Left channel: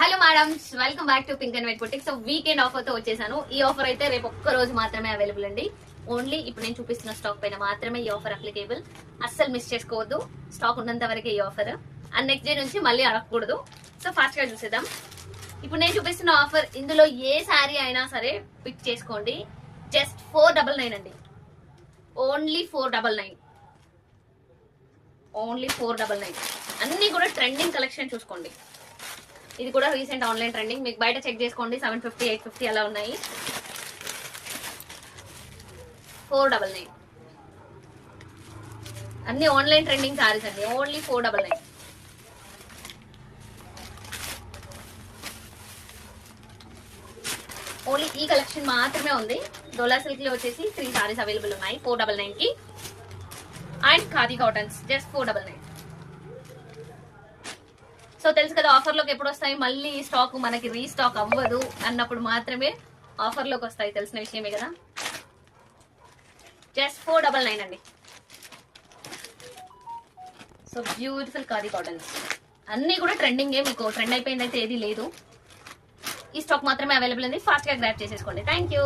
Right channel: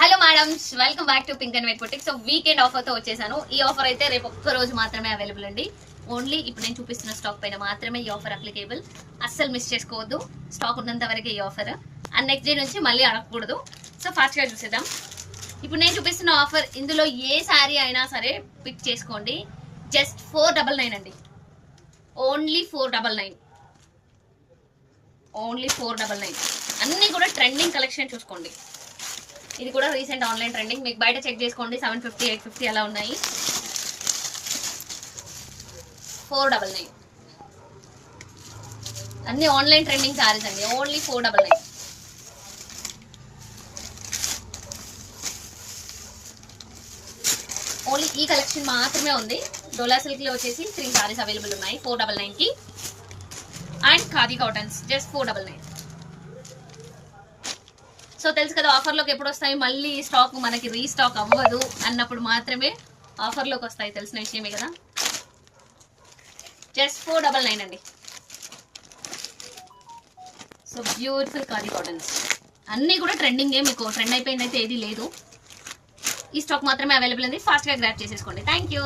Hello madams, welcome back to pink and white boutique. So weekend offer తో వచ్చేసాను. ఈ offer అయితే రేపు ఒక్క రోజు మాత్రమే అవైలబుల్ అండి. ఓన్లీ ఇప్పుడు నేను చూపిస్తున్న స్టాక్ పైన మాత్రమే ఈ ఆఫర్ అప్లికేబుల్. అస్సలు మిస్ చేసుకోవద్దు. స్టాక్ ఉన్నంత వరకే ఈ ఆఫర్. అండ్ నెక్స్ట్ డే నుంచి మళ్ళీ అడగకూడదు. సో ఫాస్ట్ గా చూసేద్దాం. ఇప్పుడు నేను చూపిస్తున్న ఆఫర్, ఇందులో ఏ శారీ అయినా సరే పిక్ చేసుకోండి. జస్ట్ 499 అండి. ఓన్లీ 499. ఓన్లీ 499. అన్ని కూడా ట్రెండింగ్ కలెక్షన్ చూసుకోండి. ఇది కూడా రీసెంట్ ఆన్లైన్ ట్రెండింగ్. మీకు బయట చెక్ చేసుకోండి, 750 850 అలా ఉన్నాయి. 499. అన్ని ఆన్లైన్ ట్రెండింగ్ సారీస్ అండి. ఓన్లీ 499. ఓన్లీ ఈ కలెక్షన్ మాత్రమే ఉంది. డోలా సిల్క్ లో వచ్చేసి 3 సారీస్ అవైలబుల్ ఉన్నాయి 499 కి. And khadi cottons just 499. So తెలుసు కదా, ఆఫర్లోకి ఎప్పుడు వస్తాయి, మళ్ళీ స్టాక్ మనకి రీస్టాక్ అవ్వదు అన్నప్పుడు మాత్రమే ఆఫర్లోకి వస్తాయి. తెలిసిన విషయమే కదా. జస్ట్ 499 అండి. సో బ్యూటిఫుల్ ఖాదీ కాటన్స్ అన్నీ కూడా ట్రెండింగే. మీకు ట్రెండ్ అయిపోయింది అయితే ఏది లేదు. ఈ స్టాక్ మాత్రమే అవైలబుల్ ఉంది. ఫాస్ట్గా గ్రాబ్ చేసేసుకోండి. Thank you.